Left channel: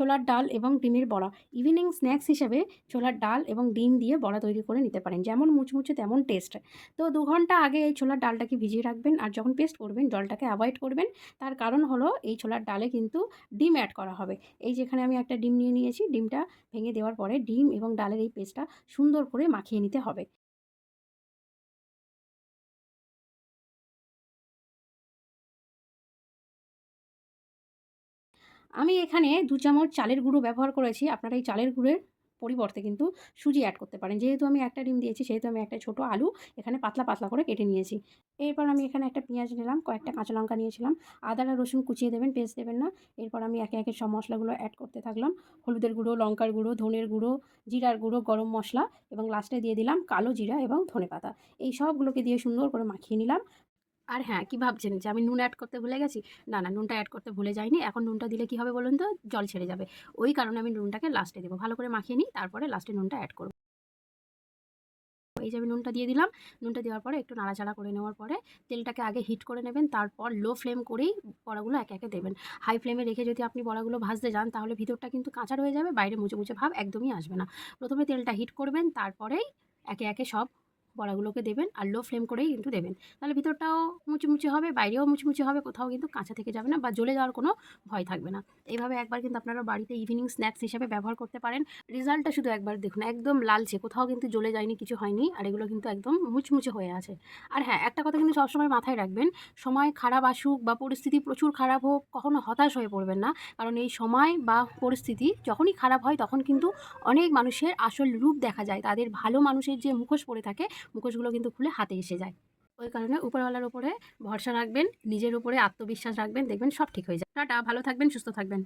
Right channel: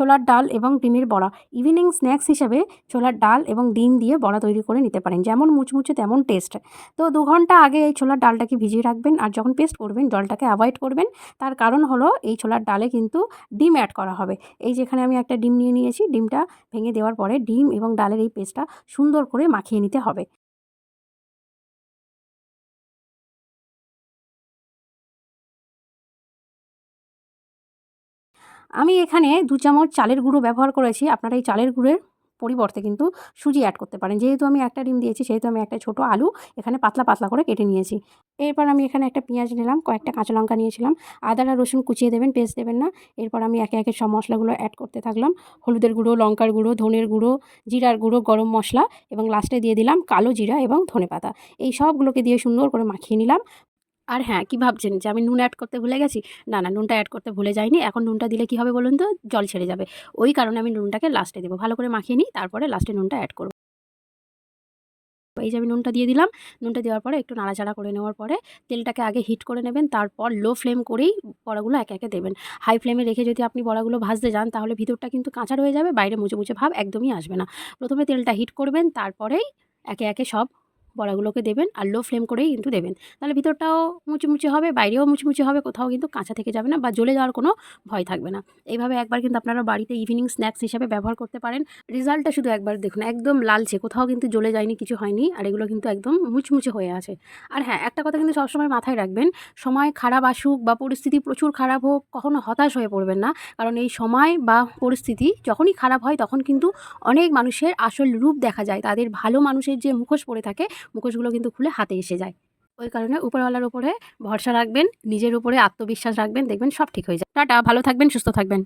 ছোলার ডাল এবং ডিমের বড়া। ইভিনিং স্ন্যাক্স হিসেবে ছোলার ডাল এবং ডিম দিয়ে বড়া তৈরি করে নিতে পারেন। যেমন মুচমুচে তেমন টেস্ট। তো দু ঘণ্টা আগে এই ছোলার ডালটাকে ভিজিয়ে রাখবেন আর যখন পেস্ট করবেন, জলটাকে অ্যাভয়েড করবেন, তার কারণ হলো এই ছোলার ডালে কিন্তু ডিম অ্যাড করা হবে। এই যেখানে আমি একটা ডিম নিয়ে নিয়েছি, ডিমটা ভেঙে দেওয়ার পরে ডিম এবং ডালের এই পেস্টটা সুন্দর করে মাখিয়ে নিতে হবে। আমি এখানে দু চামচ চালের গুঁড়ো ব্যবহার করেছি। আপনারা এই চালের গুঁড়োর পরিবর্তে কিন্তু সুজি অ্যাড করতে পারেন। যেহেতু আমি একটা ডিম দিয়েছি, সেহেতু আমি একটা ছোটো আলু এখানে পাতলা পাতলা করে কেটে নিয়েছি। এরপর আমি এখানে একটা পেঁয়াজ নিলাম, কয়েকটা কাঁচা লঙ্কা নিয়েছিলাম। আদা আর রসুন কুচিয়ে দেবেন, পেস্ট দেবেন না। এরপর আমি একে একে সব মশলাগুলো অ্যাড করতে থাকলাম। হলুদের গুঁড়ো, লঙ্কার গুঁড়ো, ধনের গুঁড়ো, জিরার গুঁড়ো, গরম মশলা এবং লাস্টে দিয়ে দিলাম কালো জিরা এবং ধনে পাতা। এই সবগুলোকে দিয়ে সুন্দর করে মাখিয়ে নিলাম। আর হ্যাঁ কী ভাবছেন? যে আমি নুন অ্যাড করতে ভুলে গেছি? না না, নুনটা অ্যাড করতে ভুলে যাইনি। এখন নুনটা দিলে কী হবে বলুন তো? জল ছেড়ে যাবে। ওই কারণে আমি নুনটাকে লাস্টে দেবো। ভালো করে মাখিয়ে নিই, তারপরে লাস্টে নুনটা অ্যাড করব। এই যে আমি নুনটা দিয়ে দিলাম। নুনটা দেওয়ার পরে একটু নাড়াচাড়া করে নেওয়ার পরে তেলটাকে আগে হিট করে নেবেন, তারপর লো ফ্লেম করেই বড়াগুলো একে একে দেবেন। হাই ফ্লেমে রেখে যদি আপনি বড়াগুলো ভাজতে যান, তাহলে ভিতরটা কিন্তু কাঁচা রয়ে যাবে, বাইরে মুচে মুচে ভাব একদমই আসবে না। প্রথমে তেলটা হিট করবেন, তারপরেই একে একে সব বড়াগুলোকে দেবেন আর লো ফ্লেম করেই কিন্তু দেবেন। তাহলে ভিতরটাও মুচমুচে হবে, বাইরেও মুচমুচে হবে, কোথাও কিন্তু কাঁচা থেকে যাবে না বা জ্বলে যাওয়ার কোনো ভয় থাকবে না। এইভাবে একবার কিন্তু আপনারা বাড়িতে ইভিনিং স্ন্যাক্স হিসাবে ব্যবহার করতে পারেন। রেজাল্টটা শুধু একবার দেখুন, একদম লালচে, কোথাও কিন্তু জ্বলে যায়নি, কিছু হয়নি আর এগুলো কিন্তু একদম মুচমুচে হয়ে আছে। আর হ্যাঁ একটা কথা কিন্তু সবসময় মাথায় রাখবেন, সময় খারাপ আসুক বা পরিস্থিতি প্রচুর খারাপ হোক, কখনো হতাশ হয়ে পড়বেন না। কারণ এই সময় বা পরিস্থিতি যখনই খারাপ হয়, তখন কিন্তু অনেক মানুষের আসল রূপ দেখা যায়। তাদের ভালো মানুষের যে মুখোশ পড়ে থাকে মুখোশগুলো কিন্তু খুলে হাতে এসে যায়। ওই কারণে উপরওয়ালার উপরে ভরসা রাখবেন, নিজের উপরে আত্মবিশ্বাস রাখবেন, দেখবেন সব ঠিক হয়ে যায়। টাটা, ভালো থাকবেন, সুস্থ থাকবেন।